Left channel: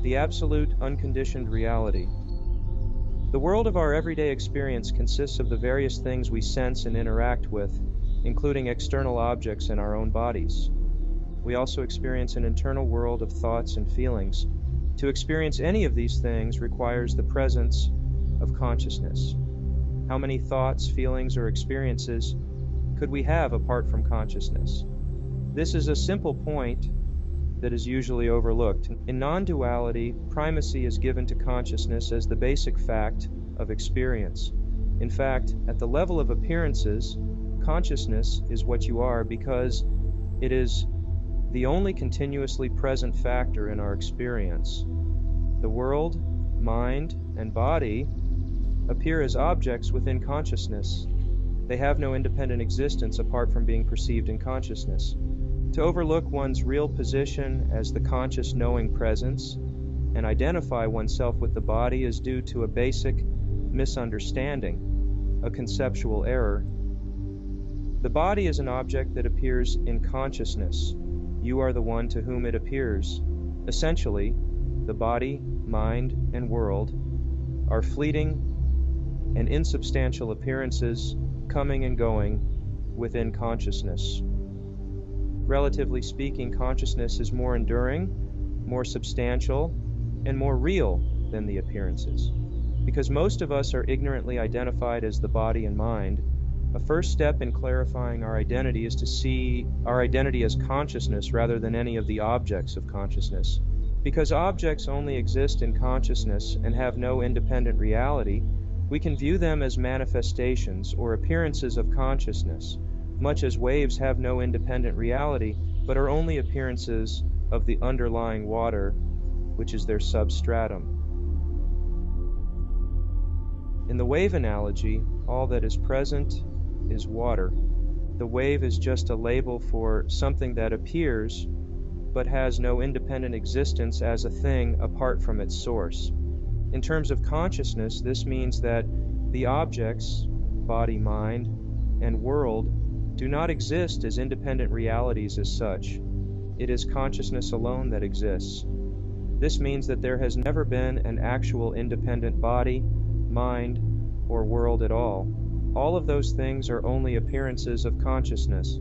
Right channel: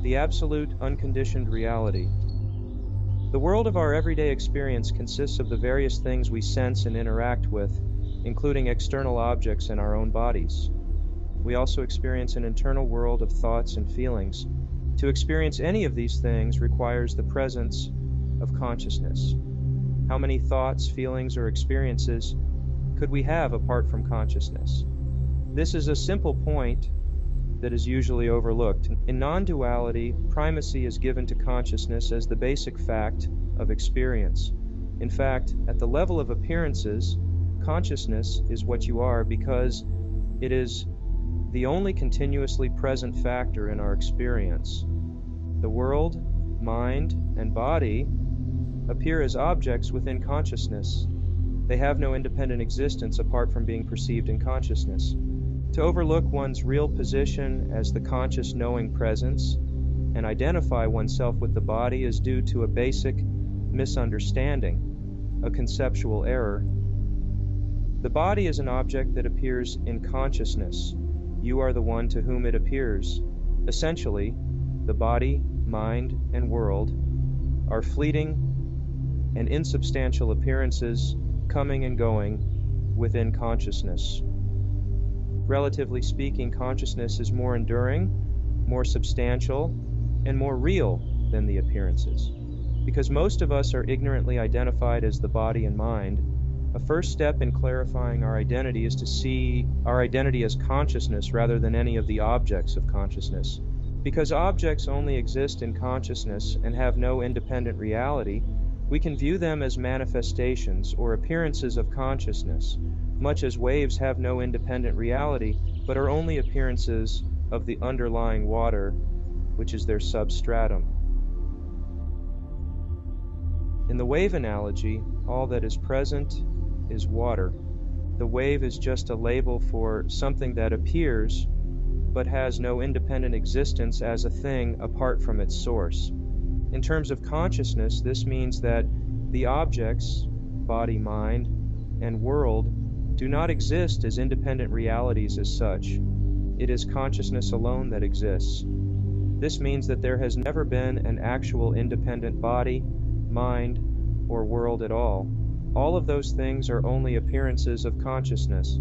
The absolute unconditioned reality. The world of our everyday experience consists of the various things we sense and interact with, including external objects in our own bodies. We also experience an internal world of thoughts and feelings. To experience any of these things requires the presence of consciousness. How many thoughts, feelings, or experiences could we have apart from consciousness? This is a simple point that is usually overlooked. In non-duality, primacy is given to consciousness as the basic fact of experience. In fact, at the level of appearances, consciousness is what you are because it is the only continuously present factor in our experience. The world, mind, and body appear as objects within consciousness. They have no independent existence apart from being perceived in consciousness. To overlook one's real position as the conscious knowing presence and identify oneself with the body is due to a basic misunderstanding, a conceptual error. The body is an object that appears in consciousness. You are the one to whom it appears. Essentially, the body, mind, and world are fleeting and insubstantial appearances coming and going within consciousness. Relatively speaking, consciousness is more enduring, more substantial, and more real than the appearances. Because most of us are ignorantly identified as the body and mind, a first step in clarifying our identity is to see our identity as consciousness rather than any of the objects of consciousness. Because objects only exist in consciousness and have no independent reality, we can view them as manifestations or appearances of consciousness, much as waves have no independent reality, but are only appearances of the underlying water, which is their substratum. In the wave analogy, all that is present is water. The wave is just a label for something that appears, but has no independent existence as a thing apart from its source. In terms of consciousness, this means that the objects, body, mind, and world, do not exist as independent realities as such. It is consciousness alone that exists. This means that there has never been an actual independent body, mind, or world at all. All of those things are only appearances of consciousness.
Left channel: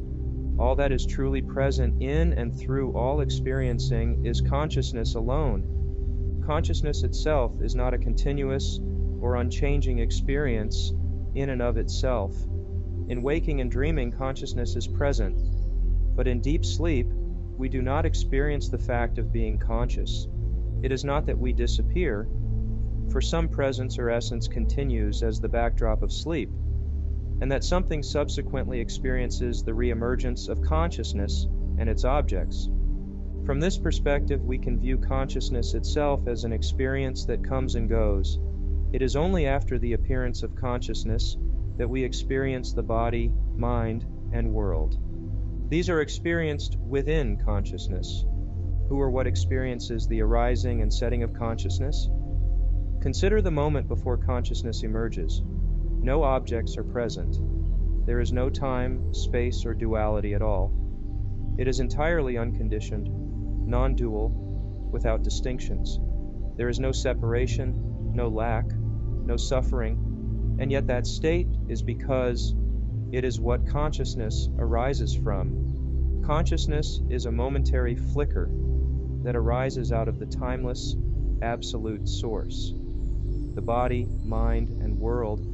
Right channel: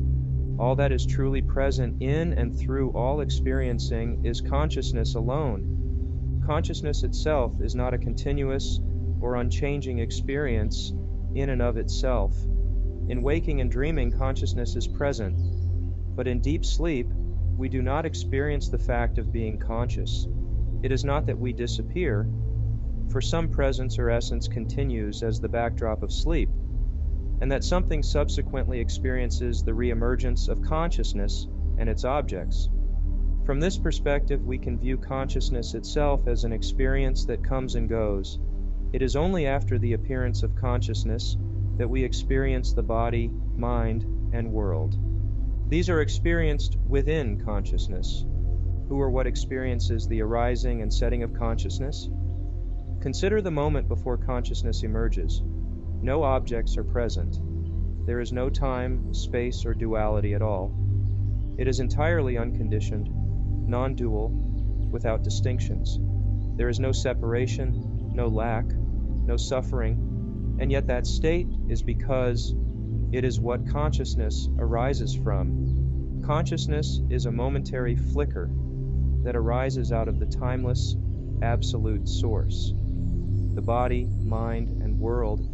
All that is truly present in and through all experiencing is consciousness alone. Consciousness itself is not a continuous or unchanging experience in and of itself. In waking and dreaming, consciousness is present, but in deep sleep, we do not experience the fact of being conscious. It is not that we disappear, for some presence or essence continues as the backdrop of sleep, and that something subsequently experiences the reemergence of consciousness and its objects. From this perspective, we can view consciousness itself as an experience that comes and goes. It is only after the appearance of consciousness that we experience the body, mind, and world. These are experienced within consciousness. Who or what experiences the arising and setting of consciousness? Consider the moment before consciousness emerges. No objects are present. There is no time, space, or duality at all. It is entirely unconditioned, non-dual, without distinctions. There is no separation, no lack, no suffering, and yet that state is because it is what consciousness arises from. Consciousness is a momentary flicker that arises out of the timeless, absolute source. The body, mind, and world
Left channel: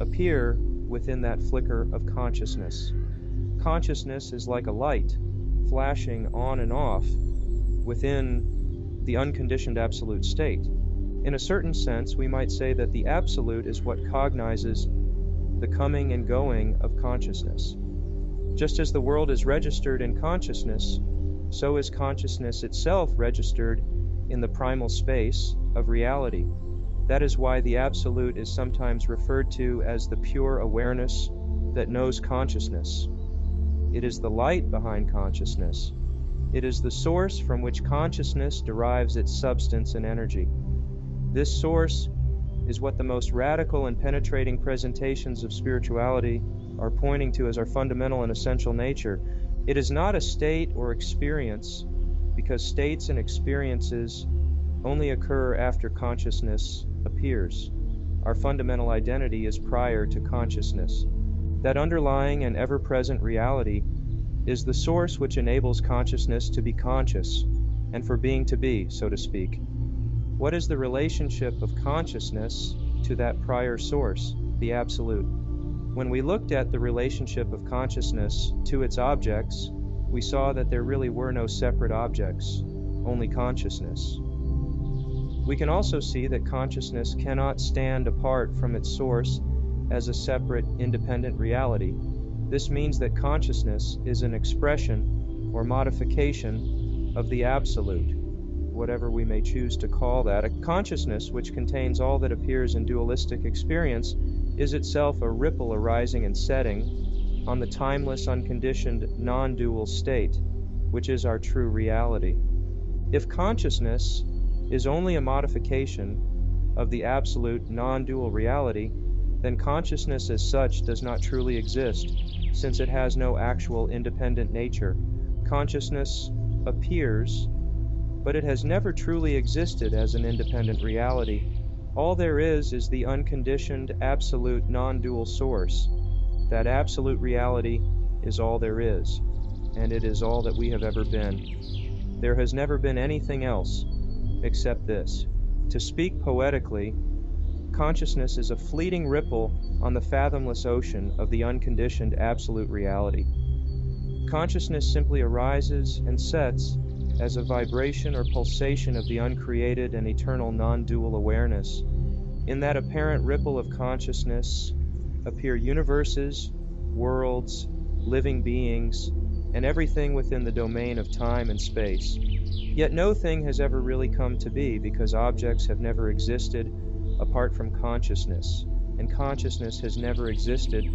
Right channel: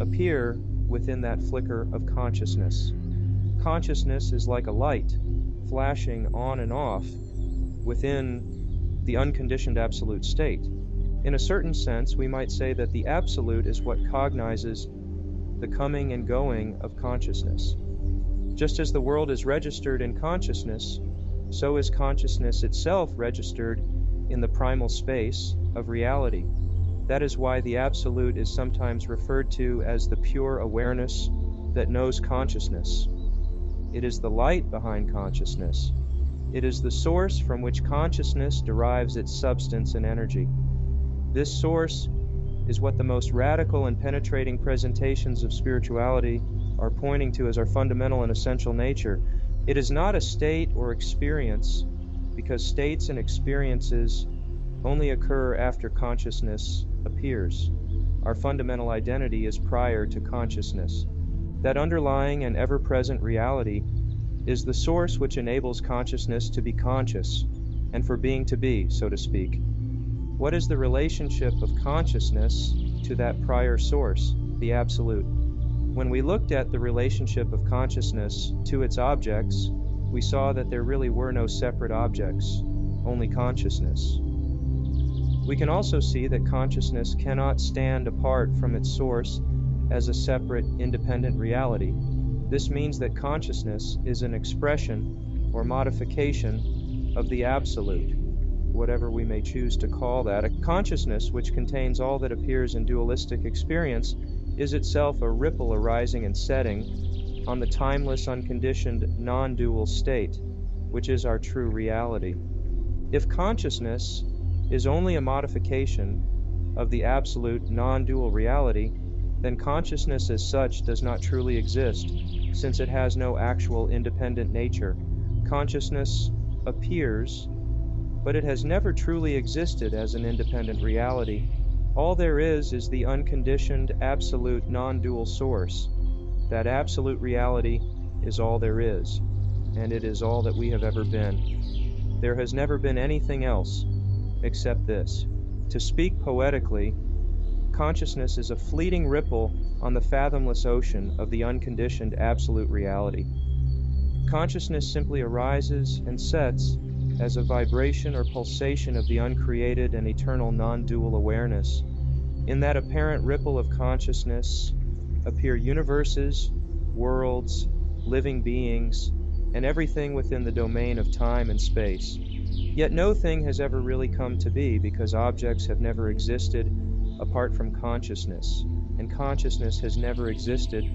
appear within that flicker of consciousness. Consciousness is like a light, flashing on and off within the unconditioned absolute state. In a certain sense, we might say that the absolute is what cognizes the coming and going of consciousness. Just as the world is registered in consciousness, so is consciousness itself registered in the primal space of reality. That is why the absolute is sometimes referred to as the pure awareness that knows consciousness. It is the light behind consciousness. It is the source from which consciousness derives its substance and energy. This source is what the most radical and penetrating presentations of spirituality are pointing to as our fundamental and essential nature. It is not a state or experience, because states and experiences only occur after consciousness appears. Our fundamental identity is prior to consciousness. That underlying and ever-present reality is the source which enables consciousness to be conscious, and for being to be, so to speak. What is the relationship of consciousness to that prior source, the Absolute? When we looked at the relationship of consciousness to its objects, we saw that there really were no separate objects, only consciousness. We can also see that consciousness cannot stand apart from its source as a separate, independent reality. This means that consciousness is an expression or modification of the Absolute, whatever we may choose to call that. A consciousness which contains all that appears in dualistic experience is itself a ripple arising and setting on the timeless, unconditioned, non-dual state, which is our true reality. If consciousness is only a modification of the absolute non-dual reality, then consciousness as such does not truly exist, since it has no actual independent nature. Consciousness appears, but it has never truly existed as an independent reality. All there is the unconditioned, absolute, non-dual source. That absolute reality is all there is, and it is all that we have ever been. There has never been anything else except this. To speak poetically, consciousness is a fleeting ripple on the fathomless ocean of the unconditioned absolute reality. Consciousness simply arises and sets as a vibration or pulsation of the uncreated and eternal non-dual awareness. In that apparent ripple of consciousness appear universes, worlds, living beings, and everything within the domain of time and space. Yet no thing has ever really come to be, because objects have never existed apart from consciousness, and consciousness has never existed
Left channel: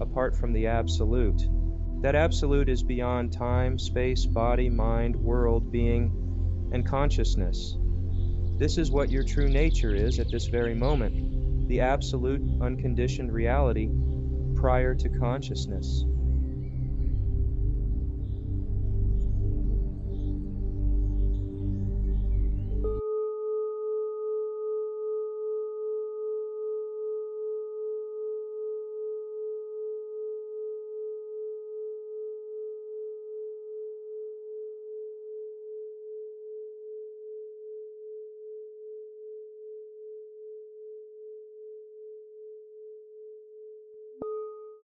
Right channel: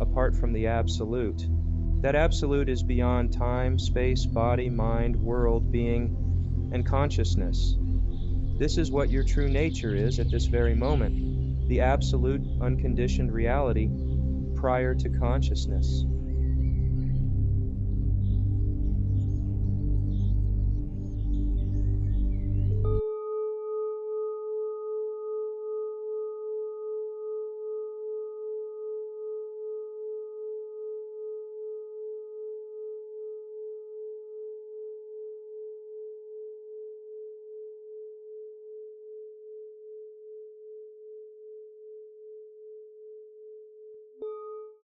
apart from the Absolute. That Absolute is beyond time, space, body, mind, world, being, and consciousness. This is what your true nature is at this very moment, the absolute, unconditioned reality prior to consciousness.